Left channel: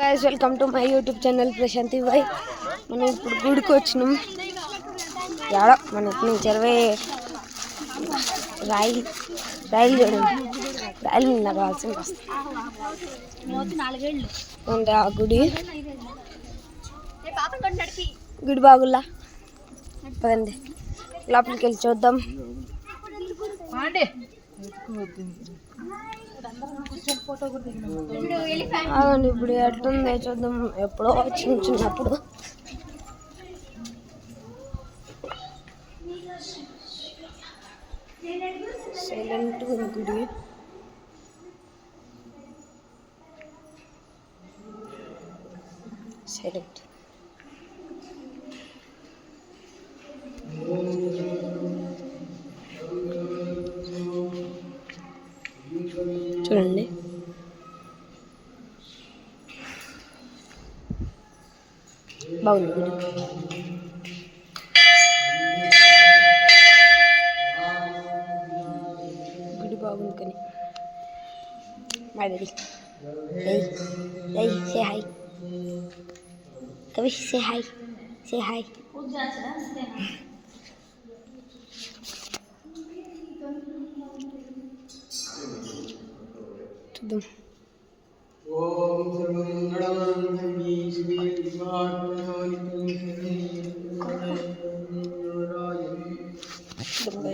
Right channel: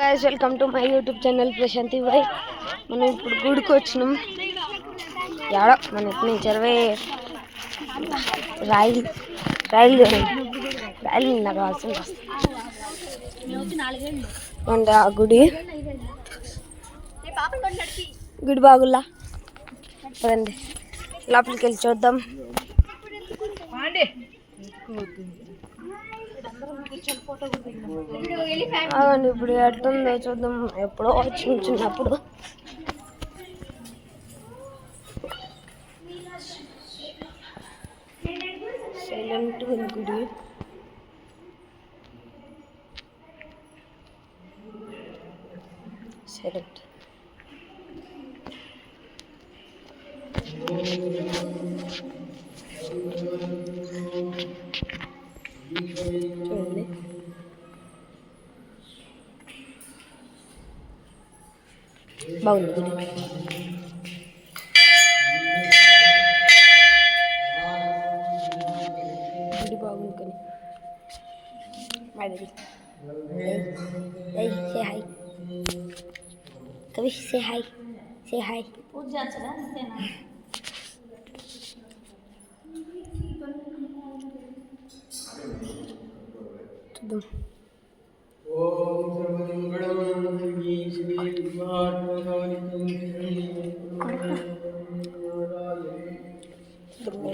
Guys welcome to my YouTube channel Prashanti भाई మనం ఇప్పుడు గుడికి వచ్చినాం యాడ మన ఇట్ని చెరవే రైలు చూడండి రైలు నిన్న కావాల్సింది వస్తుంది ఆ గుడి గుడి బాగుల్లా పదండి లోపలికి వెళ్ళి చూద్దాం. అవునండి ఇప్పుడు ఎట్టుందో చూద్దాం. ఎప్పుడో చిన్నప్పుడు సైలెంట్ ఉంది గుడి. సైలెంట్ చూడండి. బాగుంది గుడి. గుడి బాగుంది కానీ మాది సే హాయ్ కవి సే హాయ్ చూద్దాం.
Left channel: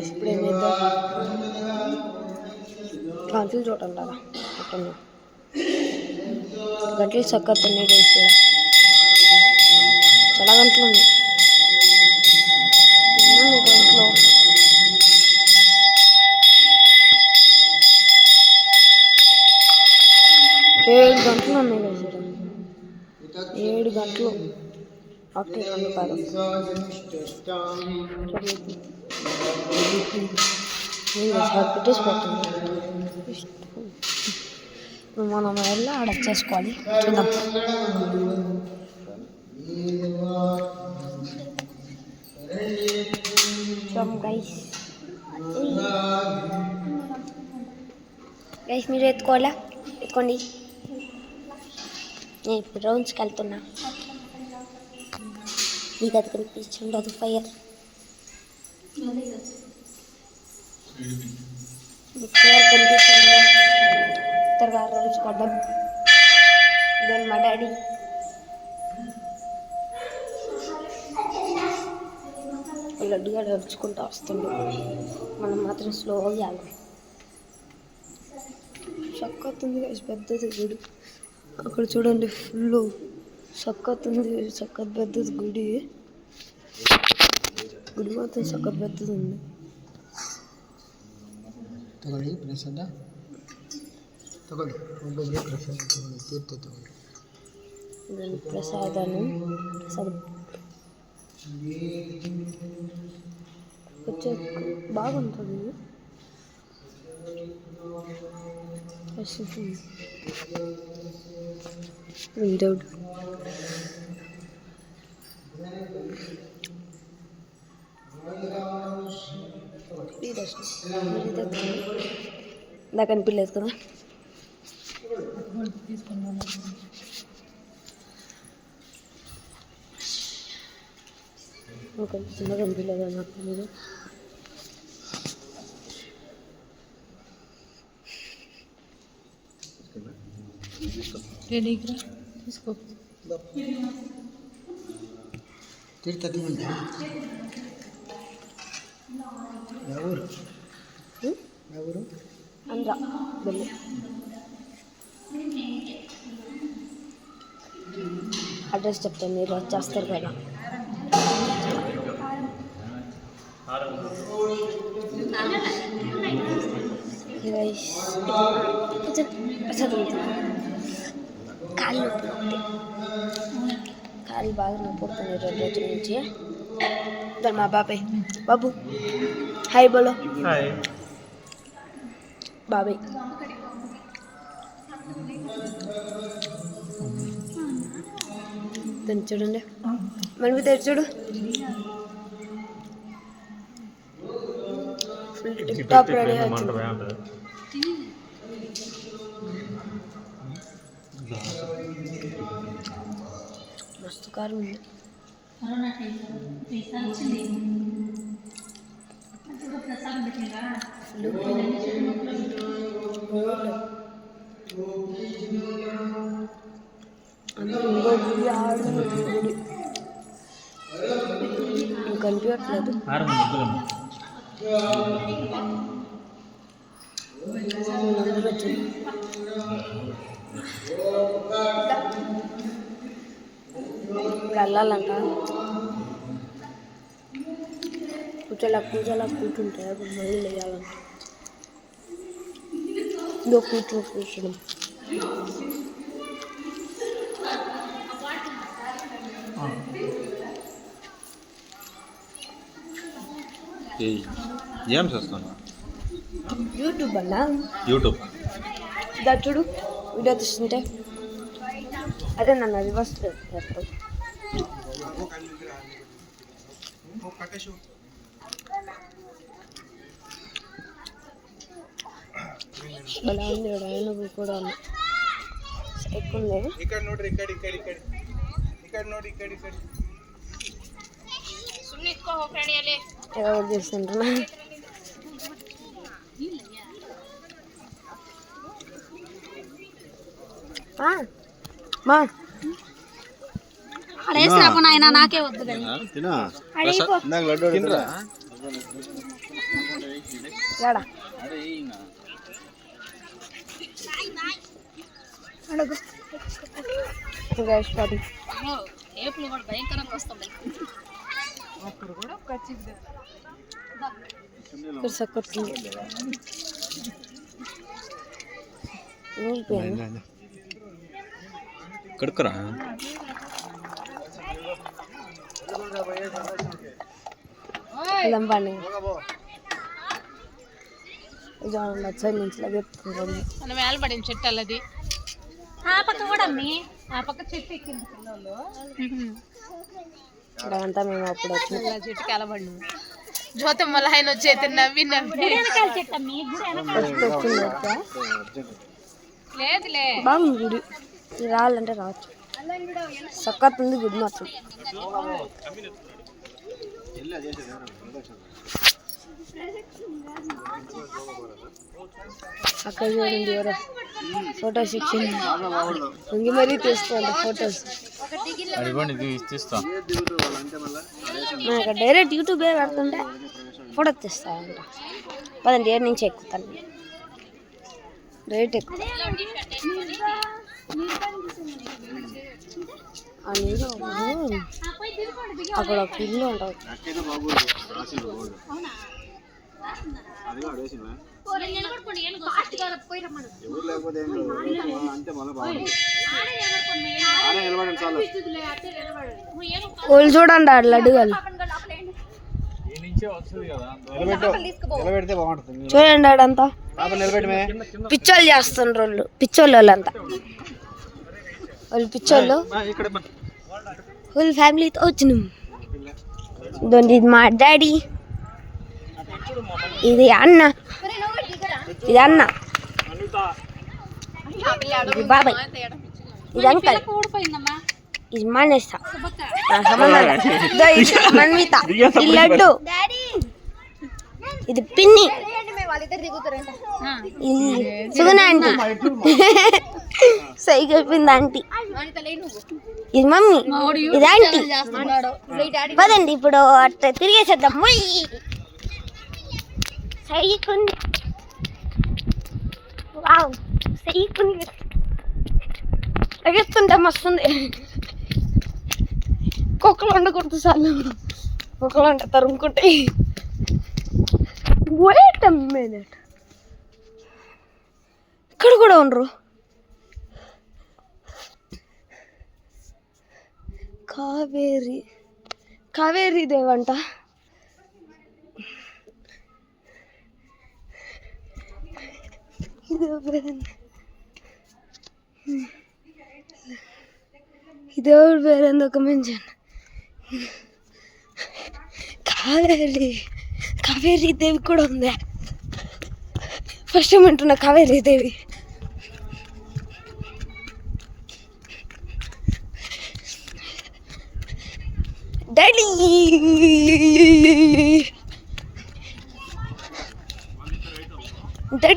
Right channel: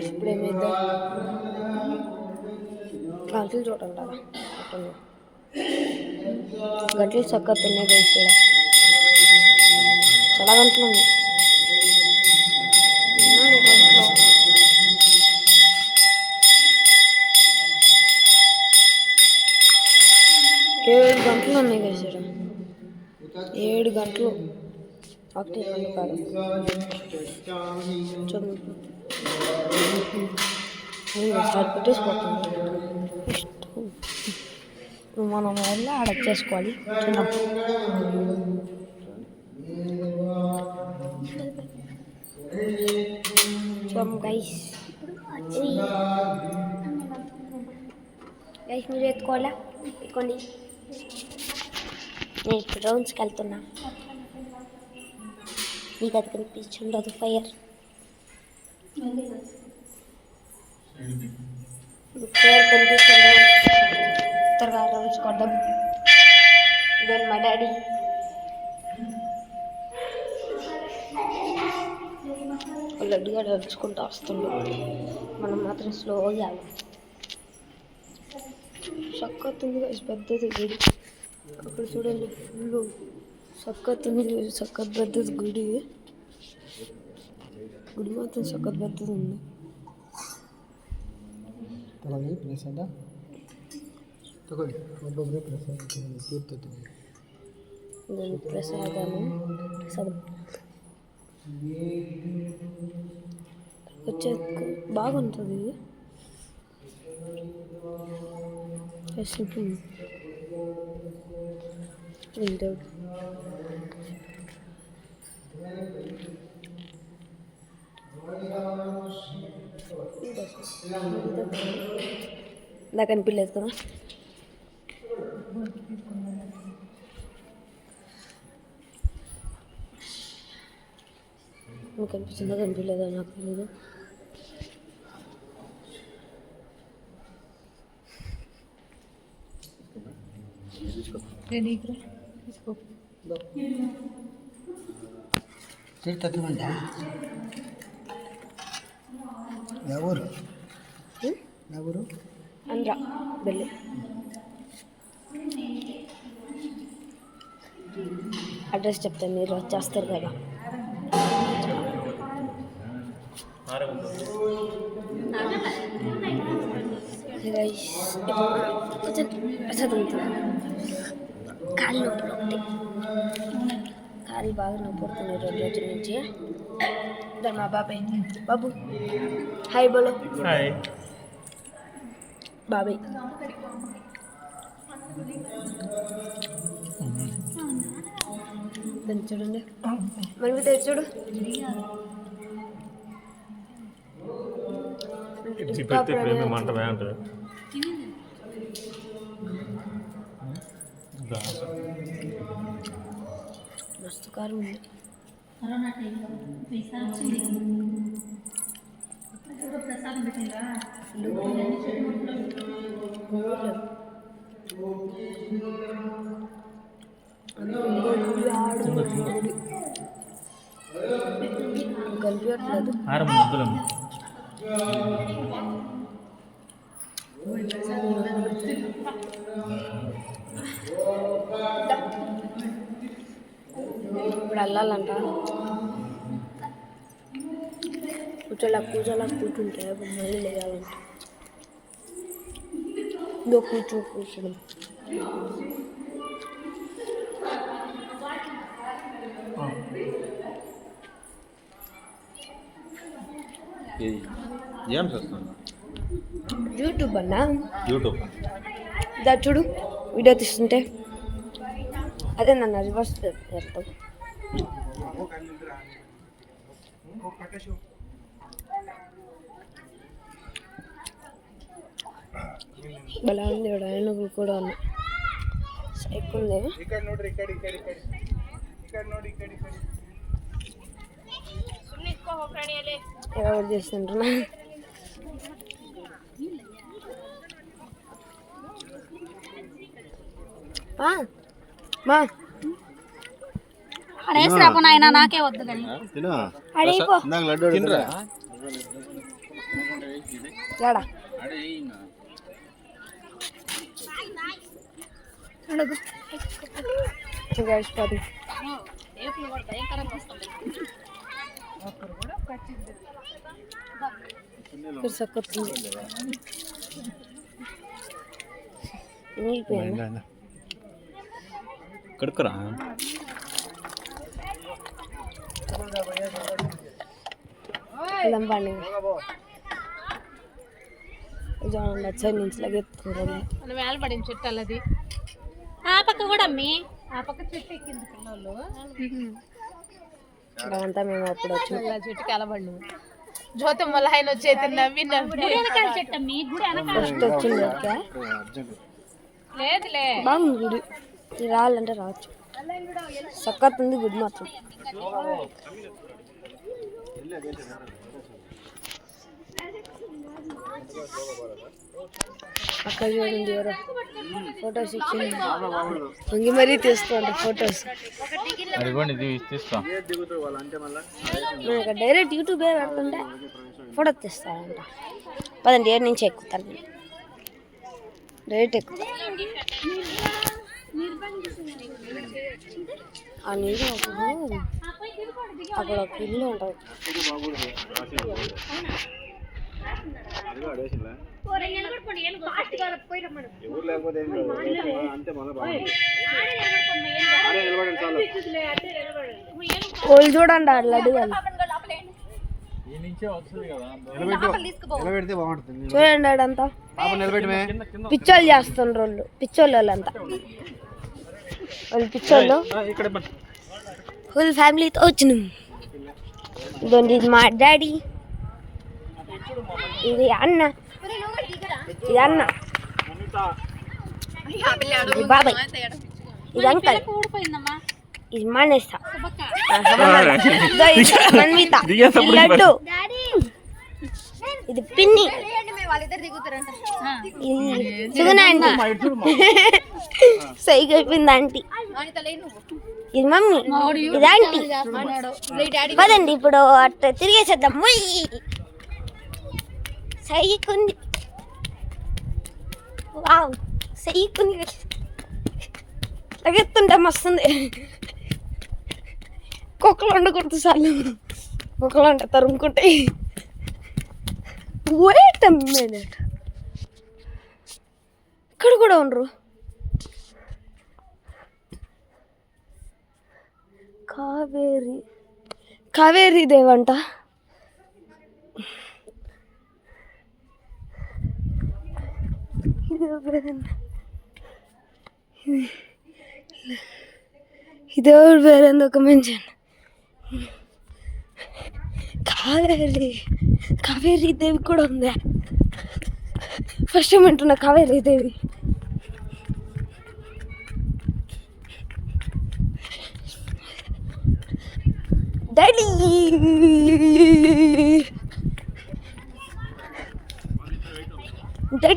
ఇప్పుడేమైందా గంటలు చూడండి అలా అట్లా గంటలు చక్కతున్నాయి గైస్. కూడా చాలా గంటలు ఉన్నాయి. గంటలో 7 గంటలు ఉన్నాయి గైస్. 7 గంటలు ఒకటి 2 కాదు. చూడండి పెట్టేసిపోతుంది. మనం వెళ్ళి ఆడ చేసుకోవాలి. చూద్దాం. గైస్ మీరు ఎత్తుకోండి. నేను ఇప్పుడు రౌండ్స్కి వెళ్తున్నా. మీకు అది కనిపించండి ఫైర్ కనిపిస్తుంది. త్వరగా రౌండ్స్ కొద్దాం. ఇదే మా డాడీ. లడ్డుగా నడుచుకుంటూ వస్తుండే. మనం మాత్రం స్లోగా వెళ్ళాలి. సక్కత్తుంది పెద్దది గుడి. అక్కడ చూడండి ఫుల్ సక్కత్తుంది. సక్కత్ పెద్దది గుడి. గుడి మాత్రం సక్కత్ పెద్దది ఉంది. ప్రసాదాలు వచ్చే బాగుంటుంది. నాకు అనిపించలేదు కదా. నాకు అనిపిస్తుందా కనిపించలేదా నాకు తెలియదు. తీసుకో ఎవరు అంద్ర వెళ్ళి అడ్రస్ చెప్తాను, మీరు వచ్చేస్తారు కదా. కాళ్ళు నొప్పులు ఒకటి, కాళ్ళు బాగా నొప్పి పడుతున్నాయి 2 రోజుల నుంచి. మా బాబాయ్ బాబు హాయ్ బోలో. హాయ్ బాబాయ్. దాన్ని చూడండి మనవి తెచ్చాడు. Full tip top ready. కారం ఉంది. కనిపించట్లేదు. ఇప్పుడు వెళ్ళాలంట. కూర్చోలా కూర్చుంటే మళ్ళీ లేయాలంట. ఇదో కూర్చోడం. ఏం చేస్తాను? యూట్యూబ్ అన్నా. యూట్యూబ్ ఇదా చూడు, వీడియో తీస్తుంటే అదే నన్ను రివర్స్ చేస్తావు. బలా ఉంది ఆయన కూడా ఉన్నా ఎక్కువ ఉంది. ఎవరు చేస్తుంటున్నా మా నాయన నాకే వద్దు కడుక్కరా లంబాన్ని సైడ్ నుంచి లగెత్తుకుంటాం. వేలపడిన చెట్టు అల్లది ఆ పక్క కూడా అమ్మి ఆ పక్క చెట్టు ఎక్కింది పిల్లలు. అదంతా మేము అప్పుడు వచ్చిన చెట్టుకి అలబడినాము. జ్యోతమ్మ ఆయన వచ్చేది నవ్వి వెనకాల చెట్టు అమ్మి ఫస్ట్ వచ్చింది. లేదులే బాగుంది గుడి. రావాలంటే రావచ్చు. సక్కత్ ఉంది గుడి మాత్రం. అక్కడ చూడండి ఎవరో ఫొటోస్ ఇచ్చింది. ఇంక మరీ తీసుకోండి ఫొటోస్. నాకు డైరెక్ట్ యూట్యూబే పెడుతుంటే ఫోటో తీస్తానంట. పదండి, ఏడు నుంచి ఎక్కుతాను నేను. డైరెక్ట్ ఎక్కుతా. ఆ నీరు అక్కడ ఒక ఇల్లు ఉంటుంది. వాళ్ళు చూడండి ఆ లడ్డుగాలు చూడండి. ఆడంతా పిచ్చోళ్ళు చేస్తుండ్రు వాళ్ళు. పిచ్చోళ్ళు వాళ్ళంతా వాళ్ళు పిచ్చోళ్ళు. ఫుల్ ఫ్యామిలీతో వచ్చినాం. ఇది మా డాడీ, ఇది అన్న, ఇది అన్న, ఇది బాబాయ్, ఇది అంకల్, ఇది మానేస, మన్విత, ఇది లడ్డు, ఇది పిన్ని, ఇది సుగన ఆంటీ, సైకి అయిపోయింది ఆంటీ, ఇది మమ్మీ, ఇది ఆంటీ. పదండి ఇప్పుడు అట్లా తిరిగేసేద్దాం. సైకుంది, వావ్ సైకుంది. లగెత్తుంటే మస్తుంది. కుక్కలు ఉండకూడదు చాలు. కుక్కలు అంటే తరుముకుంటాయి. వెయిట్ ఎ మినిట్, ఇక్కడ కూడా ఉండరు. కావేరీ దేవంట. ఇదెవరు పేరు? ఒక మెన్షన్ కావేరీ దేవి కూడా ఉందా? ఫస్ట్ టైం అంటున్నా కావేరీ దేవి. Daddy daddy